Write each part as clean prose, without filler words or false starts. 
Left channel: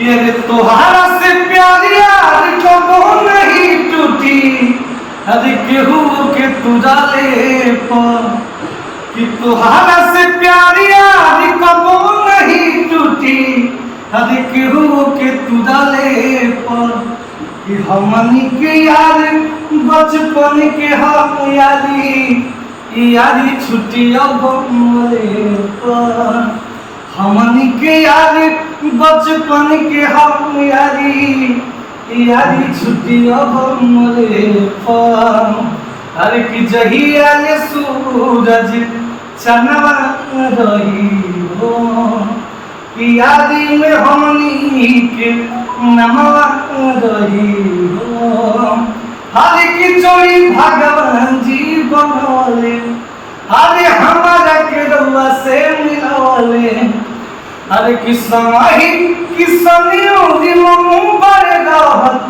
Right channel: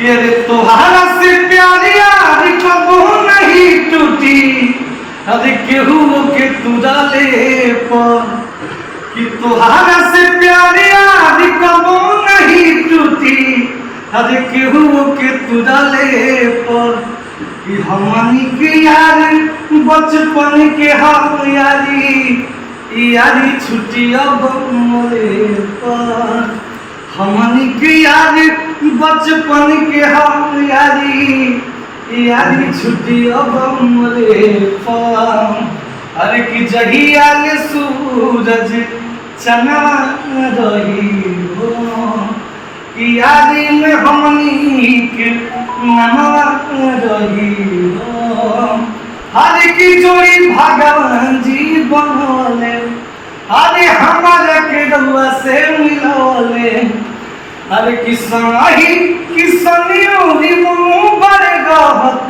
ये रे तोहारा से प्यारी यारी कबो नहीं टूटी, अरे केहू के तू डाले पर कि तोहारा से प्यारी यारी कबो नहीं टूटी, अरे केहू के तू डाले पर कि हमनी के यार बचपन के हम यारी छुट्टी अब मोरे पर, हमनी के यार बचपन के हम यारी छुट्टी अब मोरे पर। अरे कि जहिया ले सूरज चना रही हो कि यादी में हमनी के नमवा रही हो। हरे की जोड़ी भगवान जी बनौले, अरे हमारा के रउआ से मिलौले। अरे किसनियों मनु बड़े रहत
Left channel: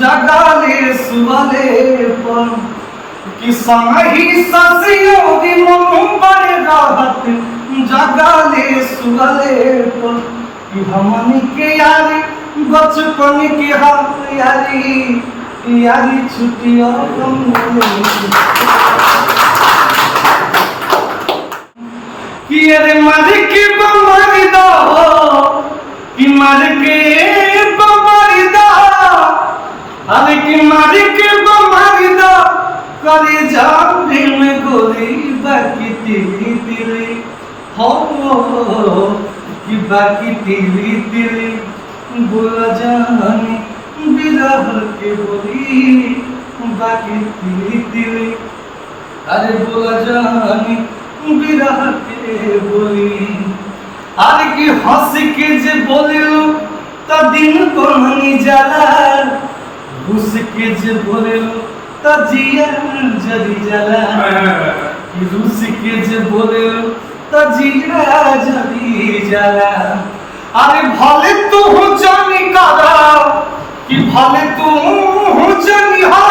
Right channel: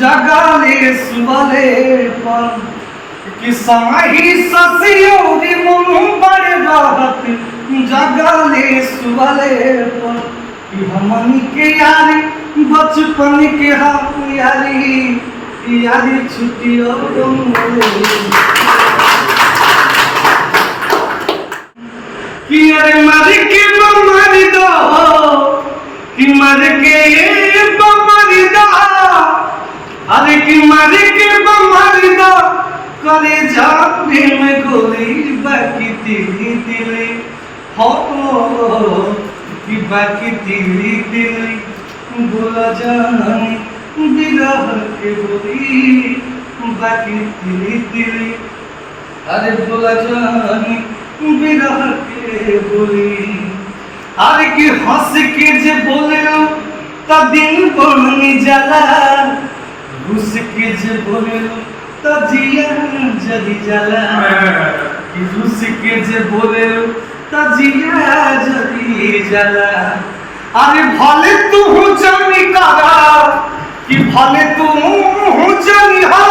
जगाले सुबले पर, ससियों मनु बड़े रहत जगाले सुबले पर कि हमनी के यारी बचपन के हम यारी छुट्टियों कि अरे मर के बमरी दो कि मर के बमरी दो, अरे कि मर के बमरी दो करे जाने में गोली बाकी तिली तिली हो कि बाकी तिली तिली बोला जानी बिरह के बोली बाकी तिली तिली, अरे बोला जानी बिरह के बोली। अरे कि हंस के जे बोले त दिन बनी जाला, घुस के जे बोले त जिया जरी जाला, कि घुस के जे बोले त जिया जरी जाला। अरे भले तू जानी करा कि भले तू जानी हो,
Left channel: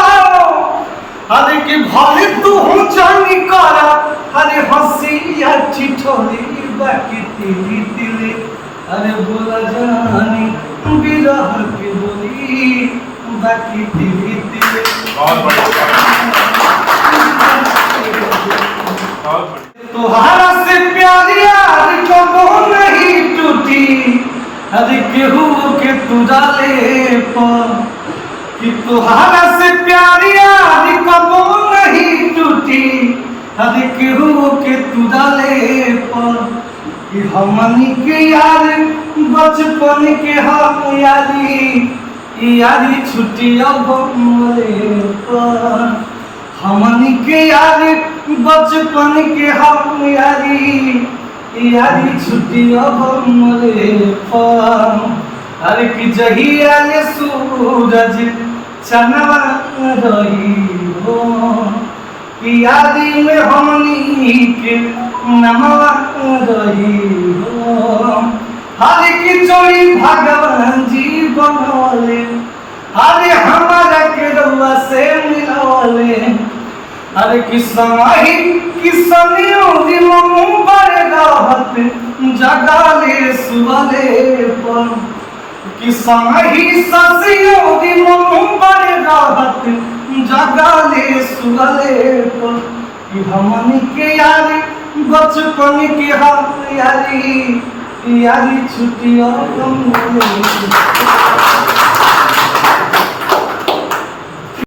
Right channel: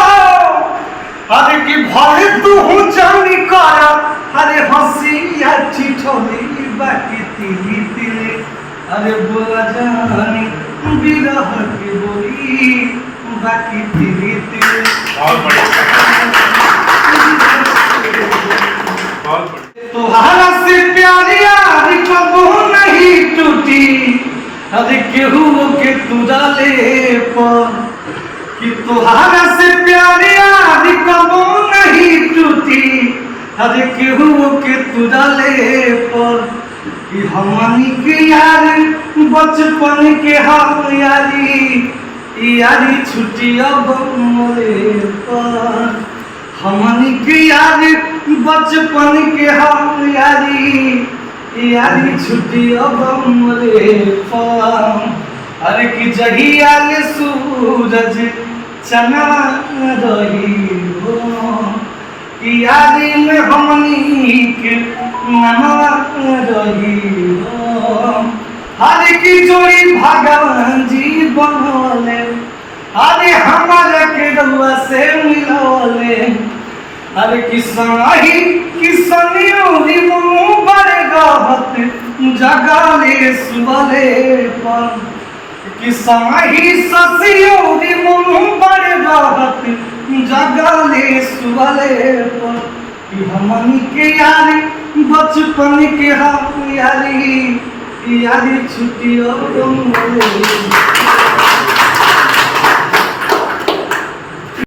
अरे कि भले तू जानी करा, अरे हंसिया चिठोली बाकी तिली तिली, अरे बोला जानी बिरह के बोली बाकी तिली तिली। तोहारा से प्यारी यारी कबो नहीं टूटी, अरे केहू के तू डाले पर कि तोहारा से प्यारी यारी कबो नहीं टूटी, अरे केहू के तू डाले पर कि हमनी के यार बचपन के हम यारी छुट्टी अब मोरे पर, हमनी के यार बचपन के हम यारी छुट्टी अब मोरे पर। अरे कि जहिया ले सूरज चना रही हो कि यादी में हमनी के नमवा रही हो। हरे की जोड़ी भगवान जी बनौले, अरे हमारा के रउआ से मिलौले। अरे किसनियों मनु बड़े रहत जगाले सुबले पर, ससियों मनु बड़े रहत जगाले सुबले पर कि हमनी के यारी बचपन के हम यारी छुट्टियों